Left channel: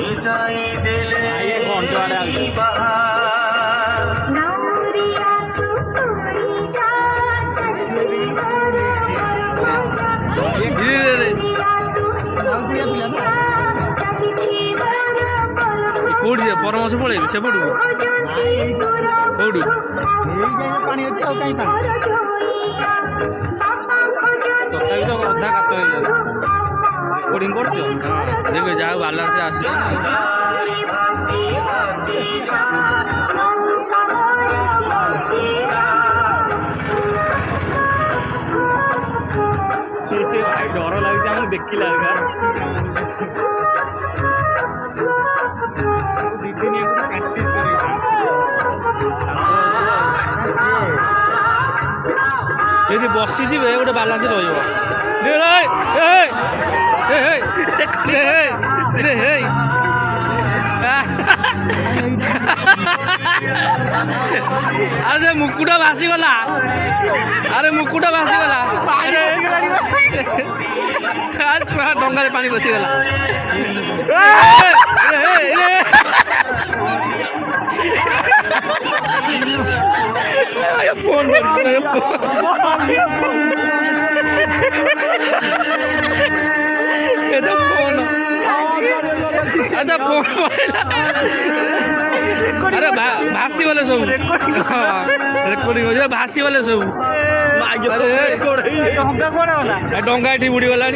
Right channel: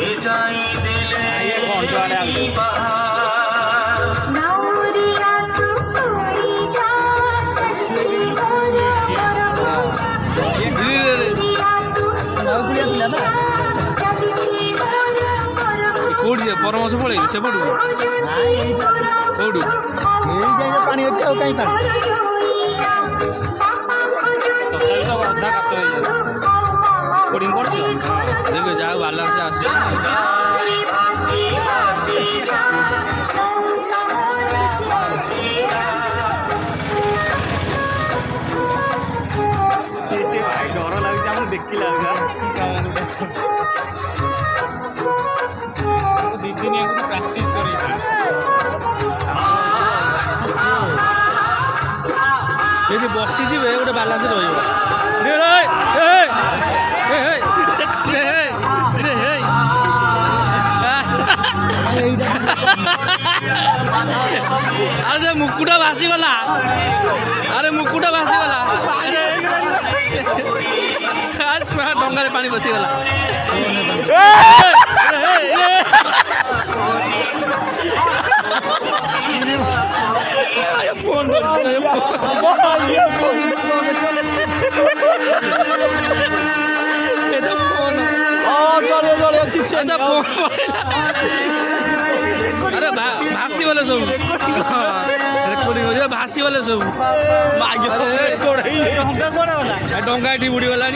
ये कौन सा वाला है कोड़ी परामर्श पड़े से पड़ू कोड़ी पानी अच्छे होता ही पानी तथापि तो अधा कात हो जाए कोडिंग कर देखो जाओ बालर से आस डर लगे देखिला ଯଦି ବସିଯିବେ ଗୋଟେ ବାଲାନ୍ସ ରହିବ ଆରେ ସେ ମୁକୁଟା ଭାସିଗଲା ଆରେ ମୁକୁଟା ଭାସିଗଲା ଡଙ୍ଗାରେ ପାଣି ବସିଗଲା फोन अरे भासी वाले सब रेकर्डिंग हो भासी वाले सब डंगा एटी बुड़ी गला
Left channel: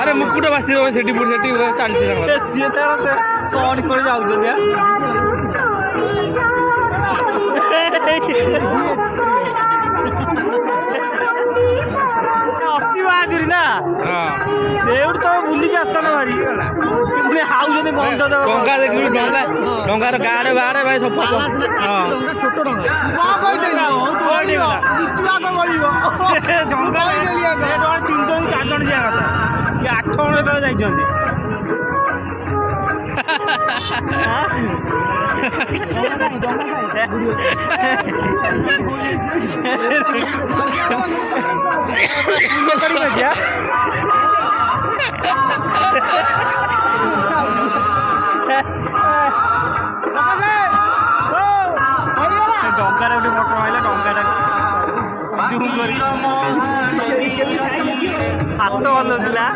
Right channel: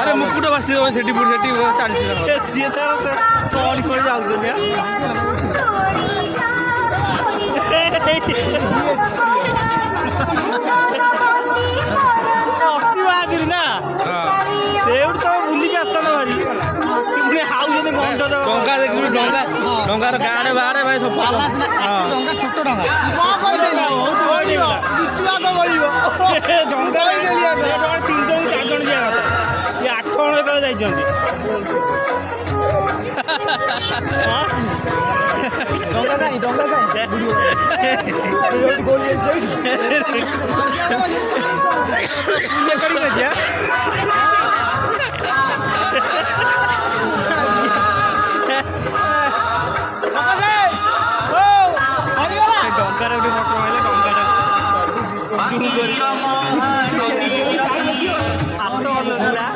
अरे मुकुट भासी सेठी बुड़ी सेठी चलती सी तार से कौन कर जाऊँ अति बाजुरी ना से तो बुलिक आसता ना भारी पुणी हाउ गंध डंगा देख डंगा डंगार गाड़े बाहर भाई सब डंगा 3 जन 4 जन जा कथा ये 8 जन जाइछन्ती डंगार गोटे फटो मारे डंगाटा जूम कर हाथ भल था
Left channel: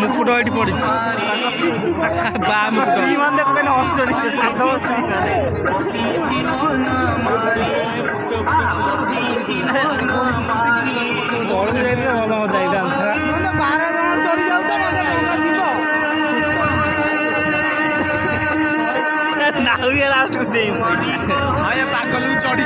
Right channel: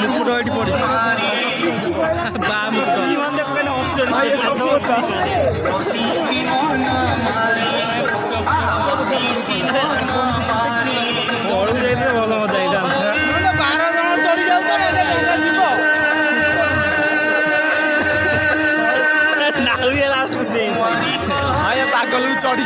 मुकुट ये पड़ी बा मुकुट मान देख बड़ू जाइए भल मजा ही 12 जन चढ़ी जाऊ डंगा जीव नाउरिया लास्ट पागल भी चढ़ी